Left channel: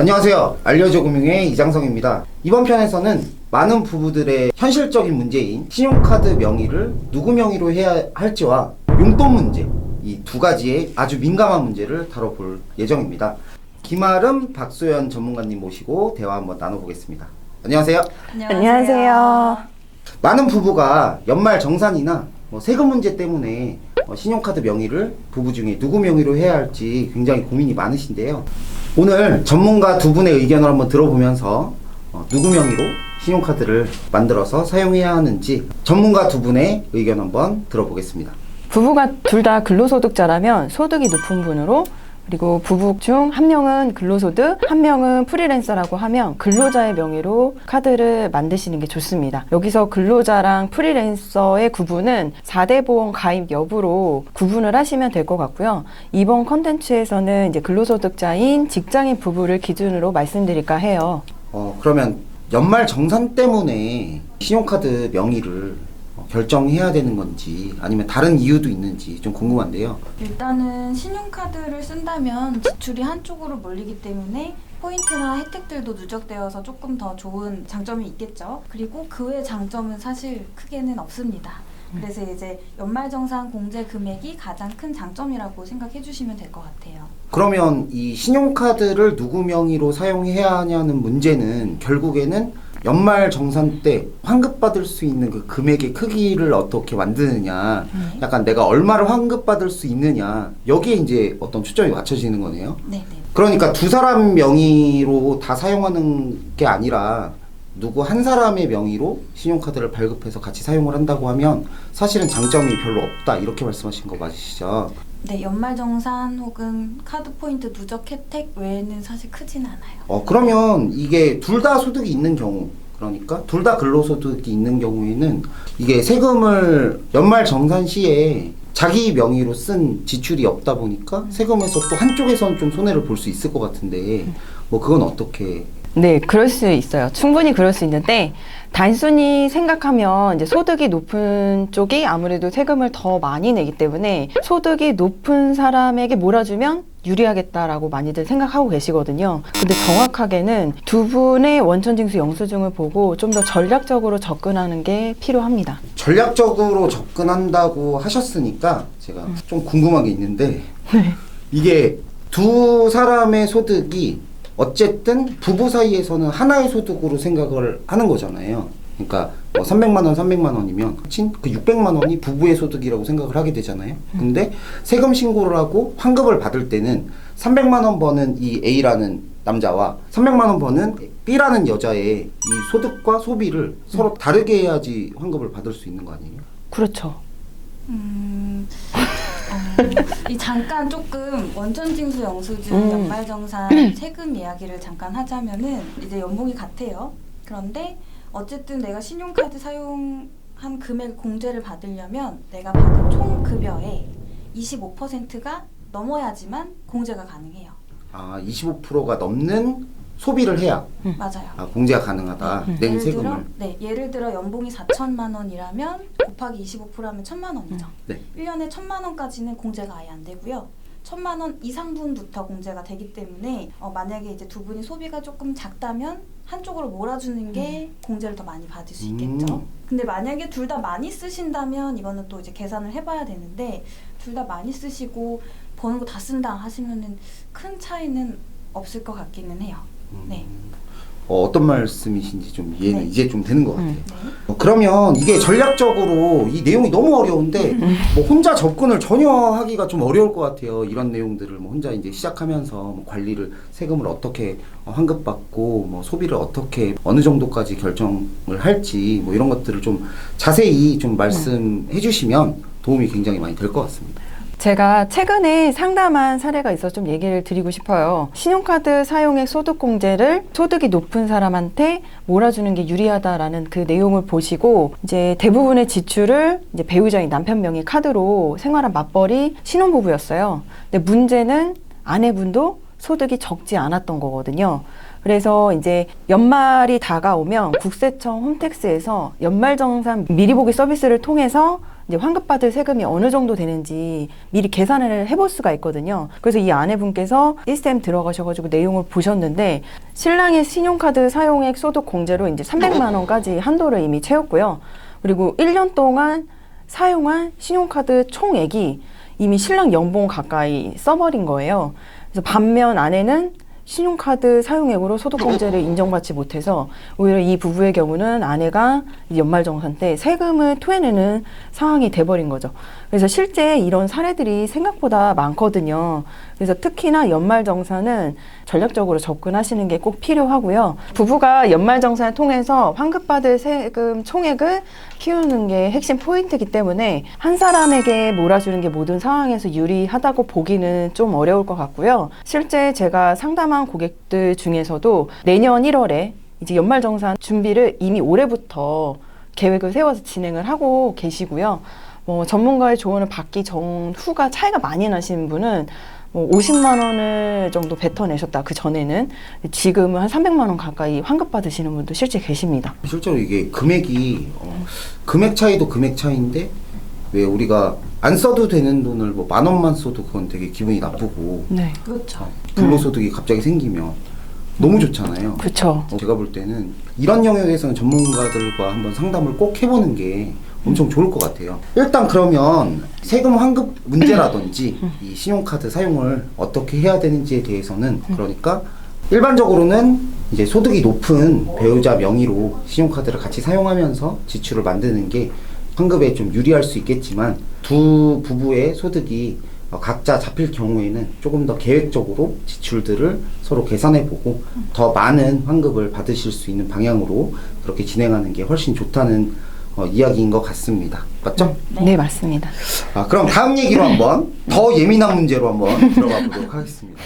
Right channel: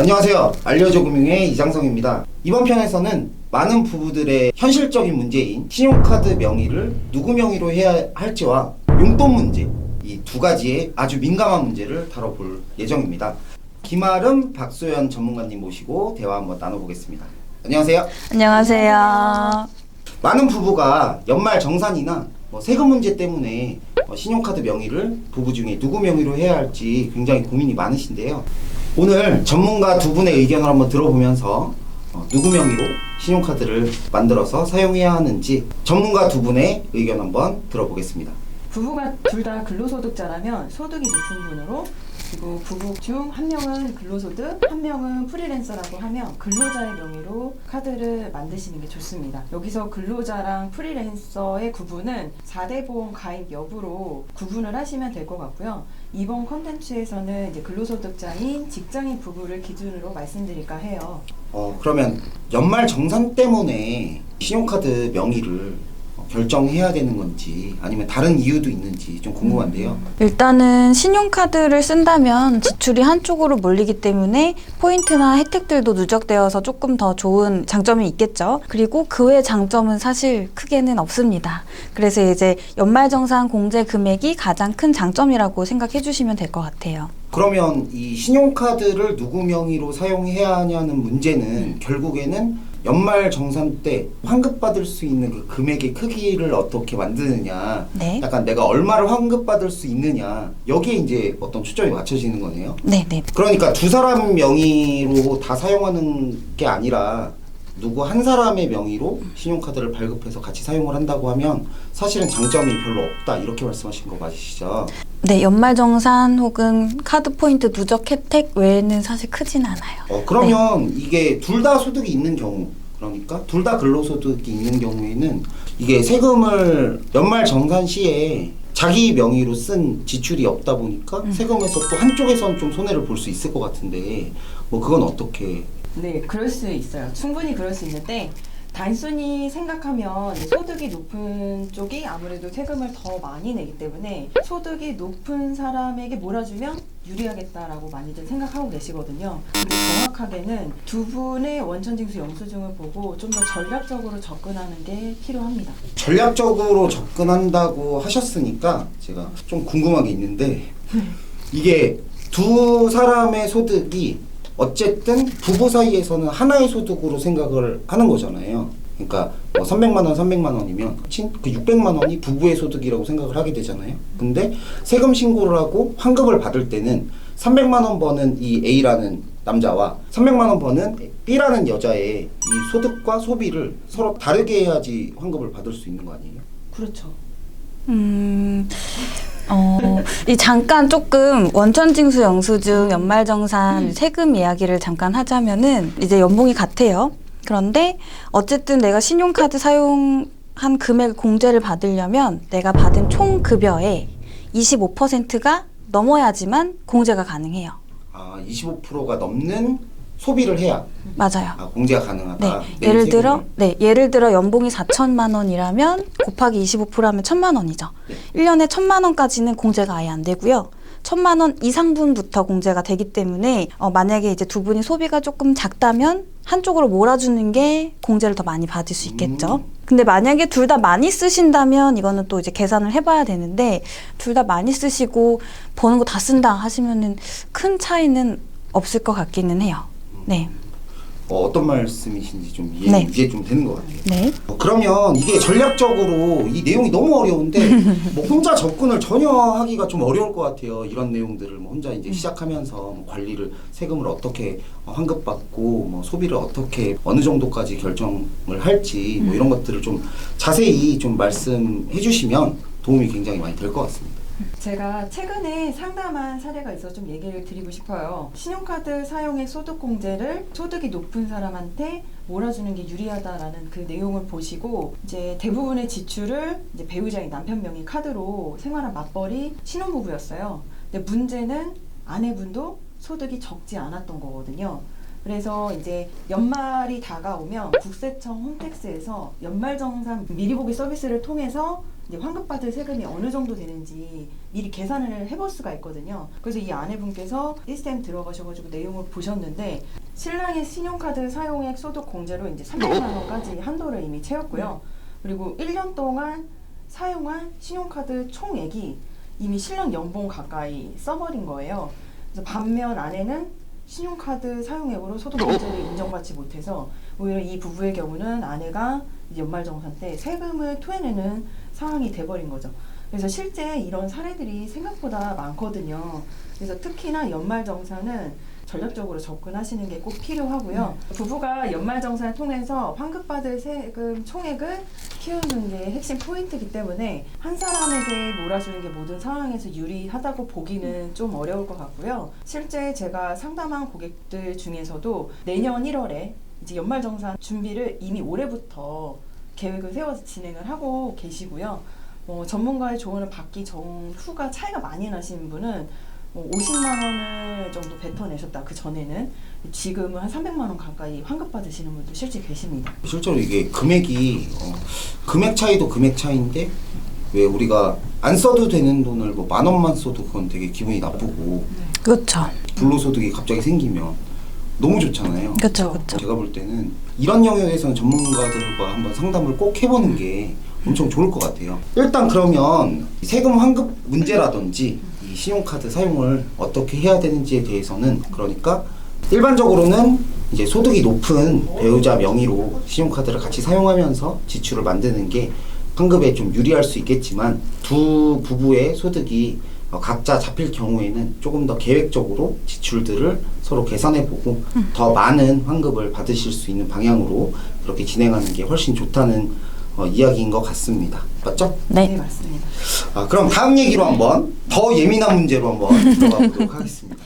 안녕하세요. 알려줘 금융의 이장성입니다. 이번 편에서는 많은 부부들의 현실적인 문제인 신용카드 명의를 누구 명의로 해야 할지와 용돈 문제, 이 두 가지의 아주 민감한 문제를 다뤄볼 예정입니다. 김아름, 박소연 전문가님 모시고 대화 한번 나눠보겠습니다. 안녕하세요. 안녕하세요. 많은 부부가 연말 정산이나 세금 문제 때문에 신용카드 명의를 부부 중에 누구 명의로 해야 할지 굉장히 고민이 많으신데요. 오늘 전문가 두 분의 의견을 한번 들어보면서 누구 명의로 신용카드를 만들어서 사용해야 하는지 전문가 두 분의 의견 한번 들어보겠습니다. 부부가 둘 다 근로소득자라면 소득이 높은 분으로, 그리고 부부 중 한 명은 근로소득, 한 명은 프리랜서라고 하면 근로자의 명의로 카드를 만드시는 게 좋습니다. 여기서 근로자랑 프리랜서의 구분은 4대 보험 가입 여부로 구분을 하시면 될 것 같고요. 이번 컨텐츠에서는 이제 근로소득자인 직장인 부부를 기준으로 말씀드릴까 해요. 그러면 연말 정산 때문에 신용카드 명의를 결정해야 되는 건지 아니면 다른 이유도 있는지 좀 궁금한데요. 일단은 신용카드를 쓴다면 지출이 한쪽으로 몰리기 때문에 포인트나 혜택들도 누적되어서 조금 더 좋은 장점이 있겠죠. 그리고 그 외의 장점은 사실 크게는 없습니다. 그래서 이제 연말정산 공제 금액이 가장 큰 장점이라고 생각해 주시면 될 것 같아요. 그러면 이 신용카드를 누구 명의로 사용해야 하냐는 문제는 결국에는 연말 정산 때 환급받을 수 있는 그 금액의 크기를 어떻게 만드느냐, 네. 약간 내가 얼마를 환급받을 수 있느냐, 여기에 이제 어떤 초점이 맞춰지는 거네요. 네. 그러니까 두 사람 명의로 다 사용하는 게 아니라 누구 한 사람의 명의로 신용카드를 발급해서 같이 사용을 한다고 하면 사실은 장점이 별로 없다, 이렇게 말씀하신 거 맞으시죠? 네, 연말정산 혹은 카드 포인트 누적 혜택 외에는 사실 크진 않아요. 그러면 이게 둘 다 소득이 있는 경우, 그러니까 둘 다 근로소득이 있는 경우에는 이게 세금을 연말 정산 시에 자기 명의로 쓴 지출이 없다 보니까 세금에서 또 한쪽에선 좀 손해를 볼 수 있을 것 같은데 그건 어떻게? 네, 그럴 수 있어요. 충분히 그럴 수 있는데, 단순히 생각하면 이제 소득이 높은 쪽이 아무래도 세금을 더 많이 내기 때문에 소득이 높은 사람에게 몰아주면 유리하겠다라고 많이들 생각하고 계시거든요. 근데 정확하게는 두 분의 원천징수 영수증을 보고 좀 더 전략적으로 접근하는 게 필요합니다. 전략적으로 접근한다고 하셨으니까 제가 좀 궁금한 게 있는데 이게 두 사람의 소득이 어쨌든 부부 사이에서는 하나의 소득으로 생각을 하는 거잖아요. 그러니까 300만 원, 300만 원이면 그 600만 원이 부부의 소득이라고 생각을 하게 되잖아요. 근데 세금 신고를 하고 환급을 받을 때는 300만 원 버는 이 A라는 남자와 300만 원 버는 B라는 여자의 이 소득과 소비를 서로 다르게 해야지 환급을 받을 수 있는 거 아니에요? 그렇죠. 이 잠깐 조금 원천징수 영수증 연말정산 세금 이야기를 잠깐 하자면은 이제 연봉이 같아요. 그런데 어쨌든 내가 신용카드 사용한 금액 공제를 받으려면 내가 받은 총 급여의 25%가 넘어야지만 공제가 가능해요. 25%가 넘는 소비를 해야 맞아요. 공제가 가능하다. 네. 예를 들어 연봉이 4천만 원이라면 곱하기 25%하면 1,000만 원이죠. 네. 1년에 1,000만 원까지는 공제가 아예 안 되고요. 1,000만 원 이상분부터 공제가 되기 때문에 만약에 이제 두 분이 소비가 조금 작다면 한쪽으로 몰아주는 게 공제를 더 많이 받을 수 있겠죠. 근데 만약에 둘 다 많이 쓰신다면 이거는 또 이제 계산을 해봐야 되는데, 둘 다 많이 쓰시고 버는 거 다 쓴다 하시면은 큰 차이는 없을 것 같기는 해요. 네. 어떤 말씀이신지 좀 네. 이제 좀 되는 것 같아요. 네. 그러면 이게 전략적으로 이 내용이 너무 어려운데 혼자 접근을 전혀 하기가 좀 어려울 것 같아요. 이런 내용들을 혼자 이제 시작하면서 관리를, 세금을 어떻게 환급받고 소비를 어떻게 어느 정도까지 결정을 할지 이런 것들을 좀 자세히 좀 말씀해 주시면 도움이 굉장히 많이 될 것 같습니다. 제가 최근에 상담한 사례가 있어서 좀 얘기를 드리고 싶어요. 신용카드 사용액 소득공제를 소득이 높은 사람한테 몰아주는 게 유리하다라는 그 내용을 보시고 이제 대부분의 지출을 이제 배우자인 남편 명의 카드로 생활한 맞벌이 신혼부부였어요. 근데 문제는 아내분도 소득이 적지 않았던 거거든요. 그래서 이제 연말이 다가오면 국세청 홈택스에서 연말정산 미리 보기 서비스를 통해서 이제 환급받을 세금이 어느 정도 되는지 미리 계산을 해볼 수가 있거든요. 그래서 이 아내분께서 시스템 들어가셔가지고 내용을 보셨는데 신랑의 신용카드 사용액 소득 공제로 이제 300만 원까지 한도를 이미 채웠고요. 그리고 1년 동안 사용한 신용카드 총액이 이미 신랑 연봉 가까이 써버린 거예요. 그래서 반면 아내는 신용카드 사용액으로 소득공제를 인정받지 못해서 오히려 이 부부의 경우는 아내가 연말정산 때 세금을 토해내는 상황이 돼버린 거죠. 그래서 실제 이런 사례들이 생각보다 많거든요. 그래서 특히나 연말정산은 전략적으로 접근하시는 게 꼭 필요하고요. 부부가 연말정산을 통해서 환급받을 세금 총액을 키우는 게 핵심 포인트이기 때문에 한 사람에게 몰아주는 게 모든 상황에서 유리하다고 보기는 좀 어려울 것 같고요. 실제 제가 상담한 고객들 중에서도 내년 1월에 이제 연말정산 준비를 이미 올해부터 계획을 세워서 진행을 하고 계시고요. 전문가의 조언을 받기 전후가 차이가 많이 나시는 분은 50만 원을 정도 뱉어내셨다. 그 전에는 지금은 한 300만 원 가까이 환급 받으시는 분도 실제 계십니다. 실제로 이게 금액이 금액 차이도 금액 차이인데 왜 우리가 안 써도 되는 돈을 뭐 10,000원만 써도 그건 되게 기분이 나쁘고 네. 그렇죠. 불로소득이 갑자기 생기면 너무 좋잖아요. 그렇죠. 제가 볼 때는 이런 영역에서는 전문가들과 한번 상담을 꼭 해보는 게 엄청 좋을 것 같아요. 일단 그러면 세금 환급 문제라든지 이 신용카드 사용을 어떻게 해야 되는지에 대해서는 그러니까 일반적으로는 이제 소득이 높은 배우자 명의로 신용카드를 같이 사용하면서 지출을 만드는 게 환급에 좀 유리할 수 있겠지만 두 부부의 소득이 각자 잡힐 경우에는 조금 더 계획적으로 지출들을 서로 계산해보고 더 많은 환급을 받으실 수 있는 방향으로 그렇게 진행하는 게 훨씬 좋다는 이야기인 것 같습니다. 맞죠? 네, 맞습니다. 그럼 다음 얘기로 한번 더 예민한 문제로 한번 들어가 보도록 하겠습니다.